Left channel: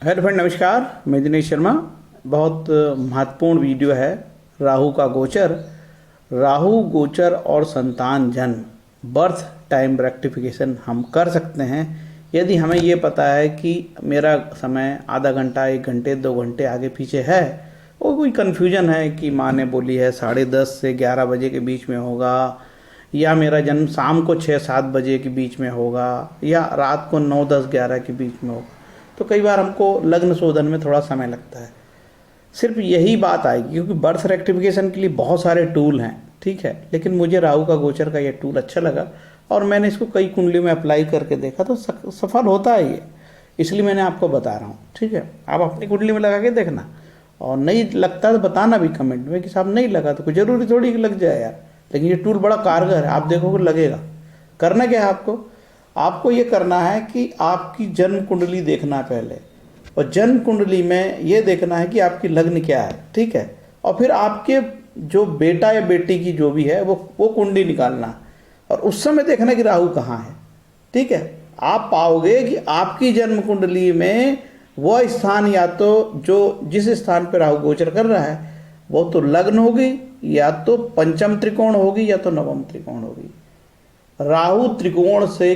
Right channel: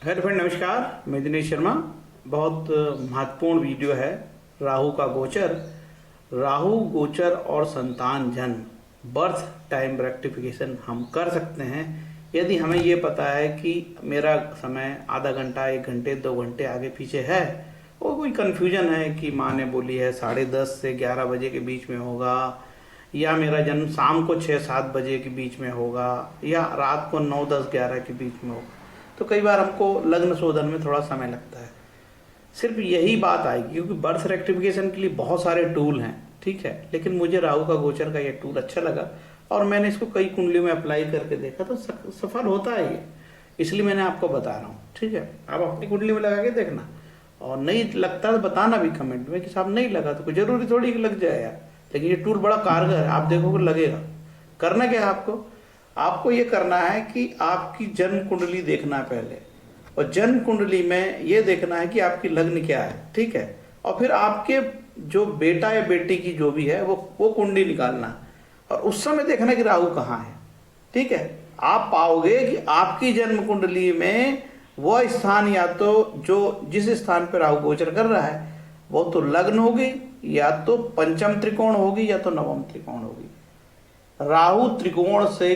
Hello friend, नमस्कार। मैं दिनेश शर्मा। बहुत महत्वपूर्ण वीडियो है राहु का गोचर। राहु गोचर और संतान जन्म बर्थ टाइम रेक्टिफिकेशन हम कर सकते हैं यदि हमें ये पता है कि मेरा समय आधा घंटा, 1 घंटे, 2 घंटे आगे पीछे है। और कोई कन्फ्यूजन है कि माँ ने बोली है 10:30 से 11 बजे के बीच में होगा, या मेरा जन्म शाम को 6-7 बजे के बीच में होगा, या रात को 9-10-11 के बीच में होगा। तो कई बार हमको लग्न शोधन में थोड़ा समय लगता है। सिर्फ यही बात आएगी क्योंकि बर्थ रेक्टिफिकेशन के लिए बहुत सारे टूल हैं, ठीक है। लेकिन मुझे राहु का गोचर का ये टूल अच्छा लगा और मैंने इसको कई कुंडलियों में अप्लाई करके देखा तो सफल होता है ये। इसलिए मैंने आपको बता रहा हूँ, ठीक है। आप अपनी कुंडली में लगा के देखना, और नहीं लगता तो बताना भी कमेंट में कि साहब नहीं लगा। तो कोई जरूरी थोड़ी कि लग जाए यार, लेकिन ये टूल बड़ा कारगर है, आप देखोगे लगेगा। करना क्या है आपको? आपको ये करना है कि आपकी जन्म कुंडली देखना है पहले, और जन्म कुंडली में ये देखना है कि आपकी लग्न क्या है, ठीक है। और फिर आपके जो बेटा या बेटी की जो भी है वो कुंडली निकालना, और उस समय देखना कि राहु कहाँ है, ठीक है। आप पाओगे कि आपकी जन्म कुंडली में वह स्थान, या तो जो जिस स्थान पर राहु गोचर कर रहा है वो तो लग्न होगी, या तो पंचम त्रिकोण होगी, या तो नवम त्रिकोण होगी। राहु त्रिकोण से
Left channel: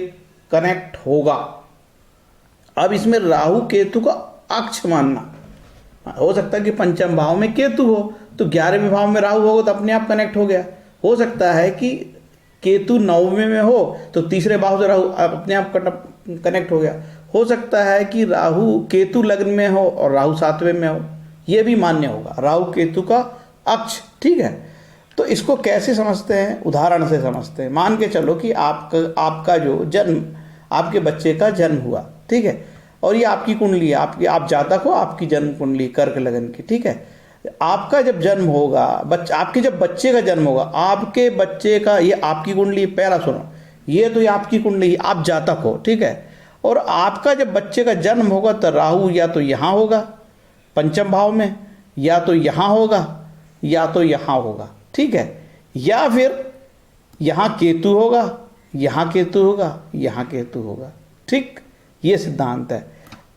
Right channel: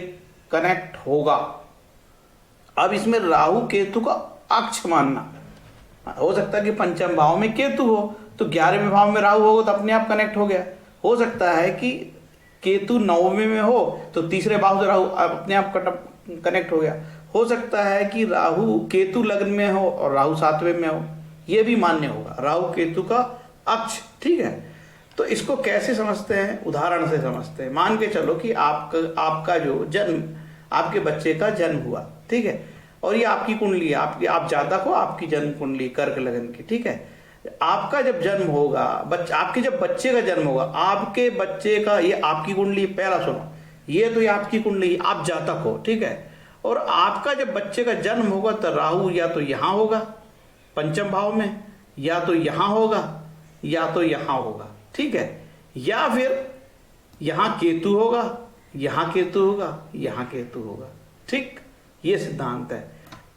कनेक्ट होगा। अब इसमें राहु केतु का अक्ष मानना, हो सकता है कि पंचम भाव में केतु हो तो 11वें भाव में राहु होगा तो अपने आप कनेक्ट हो गया। हो सकता है कि केतु 9वें में हो तो तीसरे भाव से राहु अपने आप कनेक्ट हो गया। हो सकता है कि राहु केतु लग्न में हो और राहु 7वें में हो, यह भी मान्य होगा। राहु केतु का अक्ष, ठीक है। तो इसको कैसे समझते हैं? उदाहरण से समझते हैं। मान के चलो कि आपका जो जन्म, आपके बच्चे का जन्म हुआ, ठीक है, और ये आपकी कुंडली है, आप जातक हो, आपकी जन्म कुंडली कर्क लगन की, ठीक है। आपका जब जन्म होगा, आपके जब बच्चे का जन्म होगा, आपके बच्चे का, ये आपकी कुंडली, पहला सुनो, ये तो ये आपकी कुंडली, आप जातक हो, ठीक है। और आपका जब बच्चे का जन्म होगा तो राहु या तो यहां होगा पंचम भाव में, या तो यहां होगा, या तो यहां होगा, ठीक है। या फिर यहां केतु होगा, यहां केतु होगा, यहां केतु होगा, ठीक। ये सिद्धांत है।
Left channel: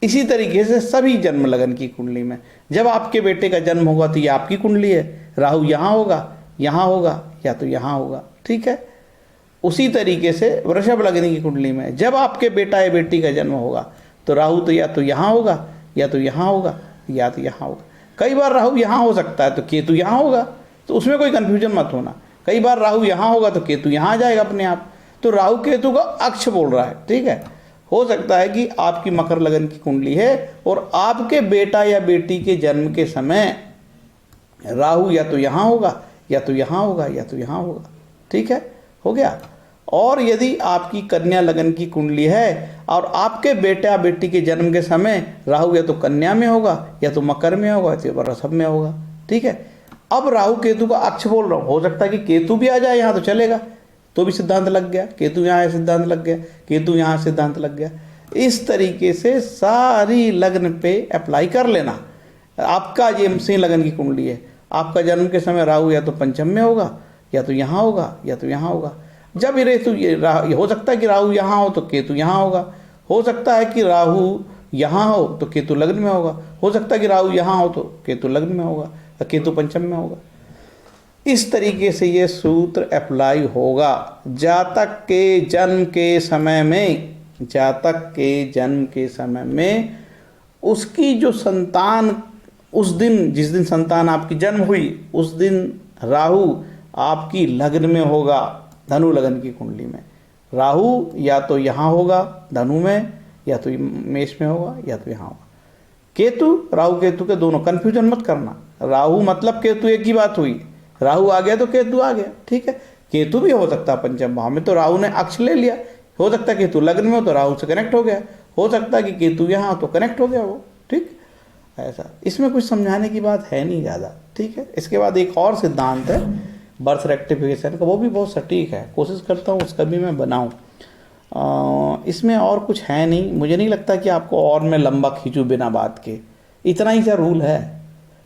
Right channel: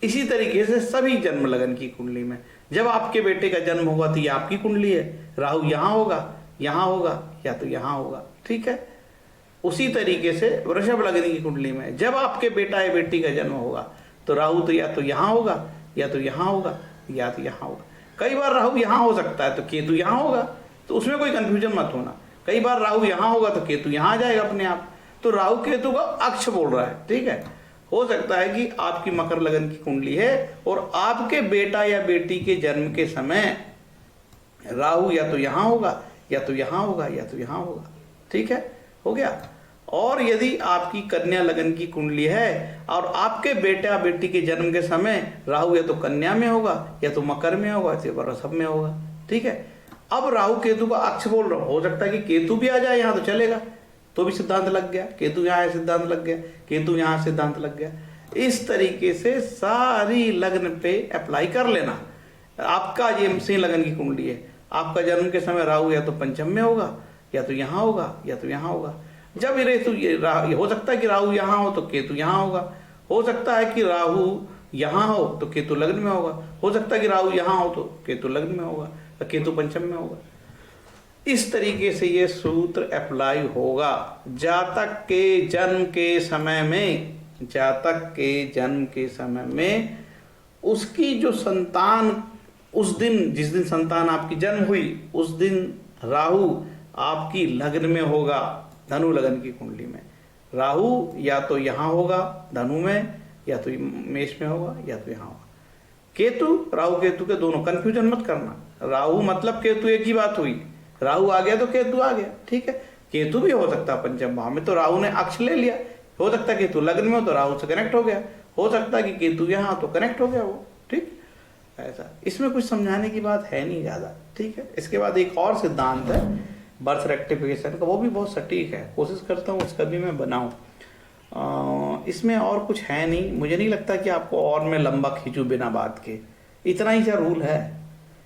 इसी तरीके से सभी जन्म लगन की कुंडली में जब आपके बेटे का जन्म होगा तो ये आपकी कुंडली है, राहु यहां होगा, यहां होगा, या तो यहां होगा, ठीक है। उसी तरीके से वृषभ लगन की कुंडली में जब आपके बेटा या बेटी का जन्म होगा तो राहु तो या तो यहां होगा, या तो यहां होगा, या तो यहां होगा। कई बार राहु यहां हो सकता है तो केतु यहां होगा, तो उसमें कोई कंफ्यूजन मत होना। कई बार राहु यहां होगा तो केतु यहां आ जाएगा अपने आप। तो राहु केतु का अक्ष बोल रहा है, ठीक है। हो सकता है कि आपकी मकर लगन की कुंडली है और आपके बेटा या बेटी के जन्म के समय राहु या तो यहां होगा, या तो यहां होगा, या तो यहां होगा, ठीक है, हो गया। और यदि आपकी कन्या लगन की कुंडली है और आपके बेटा बेटी के जन्म के समय राहु या तो कन्या में होगा, या तो मकर में होगा, या तो वृषभ में होगा, ठीक है। अब राहु केतु का अक्ष बोल रहा हूं, हो सकता है कि केतु भी आ जाए यहां तो चलेगा, तो भी सिद्धांत लग गया। केतु यहां है, सिद्धांत लग गया। केतु यहां, सिद्धांत लग गया। इस तरीके से सारी लग्न पे अप्लाई कर लेना। आपका ये सिंह लगन की कुंडली है, आपका जन्म के समय राहु या तो पंचम में होगा, या तो यहां होगा, या तो यहां होगा। जब ये हो सकता है कि राहु यहां हो तो केतु यहां होगा। हो सकता है कि राहु यहां हो तो केतु लग्न में होगा। हो सकता है कि राहु यहां हो तो केतु लग्न में होगा, या केतु पंचम में होगा। इस तरीके से ये सूत्र अप्लाई होगा जातक के जन्म के समय में। जातक के जन्म के समय में उसकी जो संतान, उस दिन जिस दिन संतान आपकी जन्म हुई उस दिन राहु आपकी लग्न में होगा, धनु लगन की कुंडली में। राहु या तो यहां होगा धनु में, या तो मेष में होगा, या तो यहां होगा। केतु, राहु केतु के दोनों, कंफ्यूजन मत करना। राहु मतलब केतु एक ही बात हुई, राहु आ गया तो केतु आ गया, ठीक है। केतु भी हो सकता है पंचम भाव में, तो राहु ने अक्ष ले लिया। हो सकता है केतु लग्न में हो तो राहु से कनेक्ट हो गया। हो सकता है कि केतु यहां तो कनेक्ट हो गया वो, ठीक। ऐसा इसमें कुछ समझाने की बात है नहीं ज्यादा, ठीक है। इसके बाद एक और सिद्धांत है बर्थ रेक्टिफिकेशन का, वो भी बहुत सटीक है। कोशिश करता हूँ उसका भी मैं बनाऊं। इसमें और कुछ है नहीं, मुझे नहीं लगता कि आपको और मैं लंबा खींचूं बिना बात के। इतना ही क्या रूल है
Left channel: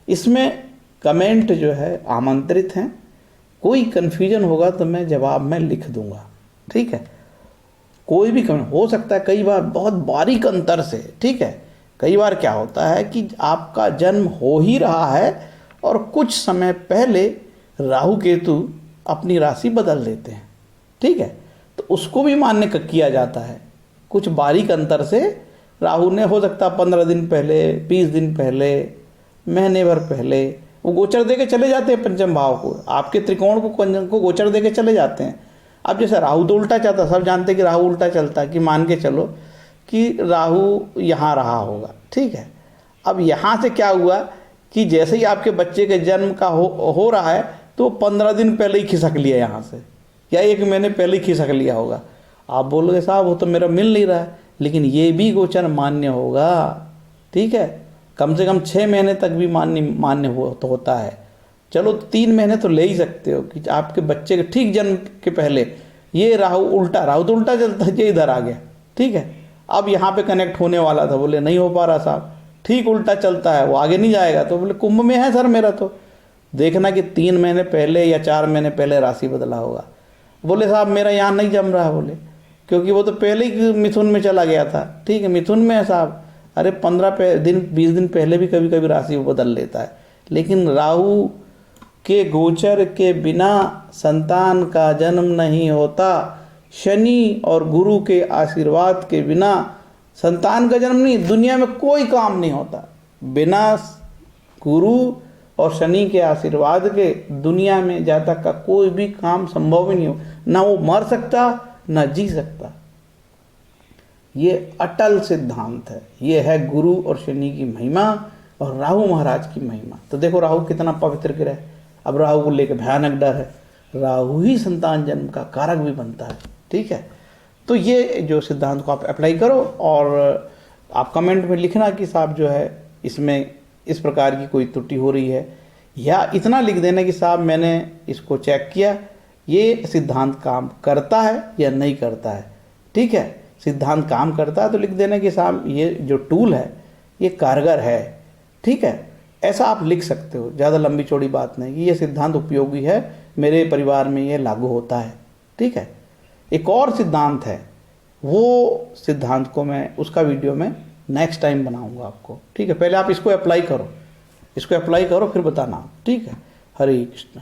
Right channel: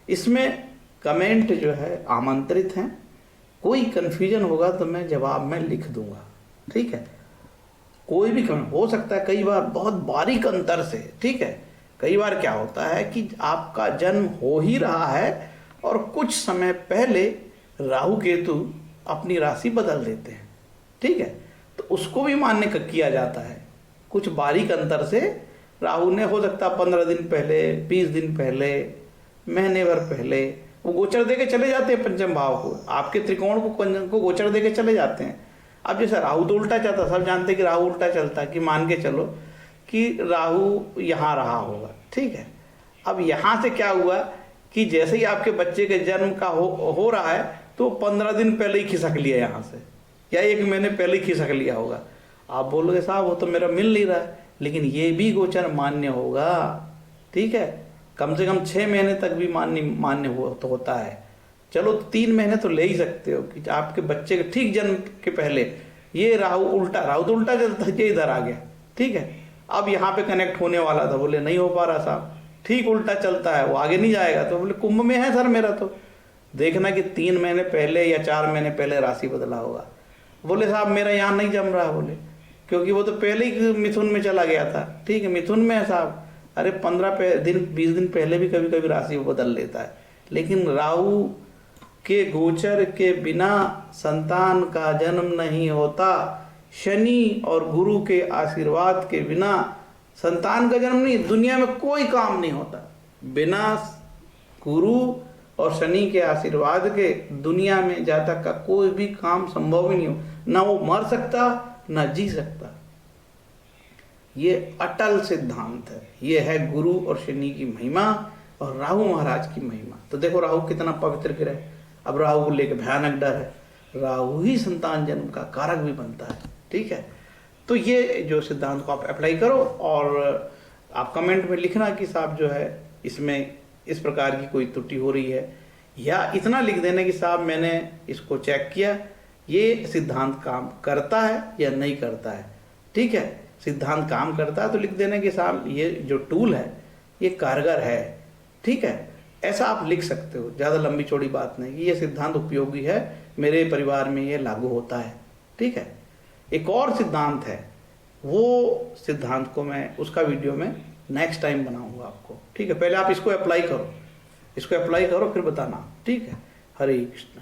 इसमें। कमेंट जो है आमंत्रित हैं, कोई कन्फ्यूजन होगा तो मैं जवाब में लिख दूंगा, ठीक है। कोई भी कमेंट हो सकता है, कई बार बहुत बारीक अंतर से, ठीक है, कई बार क्या होता है कि आपका जन्म हो ही रहा है और कुछ समय पहले राहु केतु अपनी राशि बदल देते हैं, ठीक है, तो उसको भी मान्य किया जाता है। कुछ बारीक अंतर से राहु ने हो सकता 15 दिन पहले, 20 दिन पहले, महीने भर पहले वो गोचर दे के चले जाते हैं पंचम भाव को, आपके त्रिकोण को गोचर दे के चले जाते हैं। अब जैसे राहु तो उल्टा चलता, सब जानते हैं कि राहु उल्टा चलता है, कि मान के चलो कि राहु यहाँ रहा होगा, ठीक है। अब यहाँ से क्या हुआ कि जैसे ही आपके बच्चे के जन्म का हो रहा है तो 15 दिन पहले ही खिसक लिया यहाँ से, या 1 महीने पहले ही खिसक लिया होगा। आप बोलोगे साहब वो तो मेरा मिल नहीं रहा है, लेकिन ये भी गोचर मान्य होगा, ठीक है। कम से कम 6 महीने तक भी मान्य तो होता है। चलो 3 महीने तो ले ही सकते हो कि आपके बच्चे के ठीक जन्म के पहले ये राहु तो उल्टा चलता है, ये इधर आ गया, ठीक है। अब यहाँ पे कनेक्ट होने वाला था, बोले नहीं हो पा रहा साहब, ठीक उल्टा चलता है, वो आगे नहीं जाएगा। तो बोले कुंभ में है सर मेरा, तो देखना कि 3 महीने पहले या 4 महीने पहले राशि बदला होगा। बोले साहब मेरा यहाँ नहीं जम रहा है, बोले क्योंकि वो तो पहले ही मिथुन में चला गया था, ठीक है, मिथुन में है साहब। अरे 15 दिन 20 दिन पहले भी कभी कभी राशि बदल लेता है, लेकिन राहु के गोचर के बिना संतान का जन्म नहीं होता। शनि और गुरु के आशीर्वाद के बिना संतान का जन्म नहीं, दुनिया में कोई काम नहीं होता। बिना गुरु और शनि के आशीर्वाद के दुनिया में जातक का कोई भी काम संभव ही नहीं हो, ना वो मर सकता ना जी सकता। ये अटल सिद्धांत है, ये है गुरु और शनि की महिमा और राहु महाराज की महिमा। तो देखो राहु कितना पवित्र ग्रह है। अब राहु को लेकर भयानक डर है, राहु ही संतान जन्म का कारक भी बनता है, ठीक है। तो ये जो सिद्धांत को आप अप्लाई करो और आप कमेंट में लिखना कि साहब जो है इसमें इस प्रकार की कोई त्रुटि हो रही है, या इतना लिख देना कि साहब मैंने इसको चेक किया, ये सिद्धांत काम करता है या नहीं करता है, ठीक है। सिद्धांत काम करता है तो लिख देना कि साहब ये जो टूल है ये कारगर है, ठीक है। ऐसा आप लिख सकते हो, ज़्यादा लंबी चौड़ी बात नहीं, कि ये सिद्धांत उपयोगी है, मेरे परिवार में ये लागू होता है, ठीक है। एक और सिद्धांत है, वो सिद्धांत को मैं उसका वीडियो में नेक्स्ट टाइम बनाऊंगा आपको, ठीक है। पहले आप इसको अप्लाई करो, फिर बताना, ठीक है। हरे कृष्ण।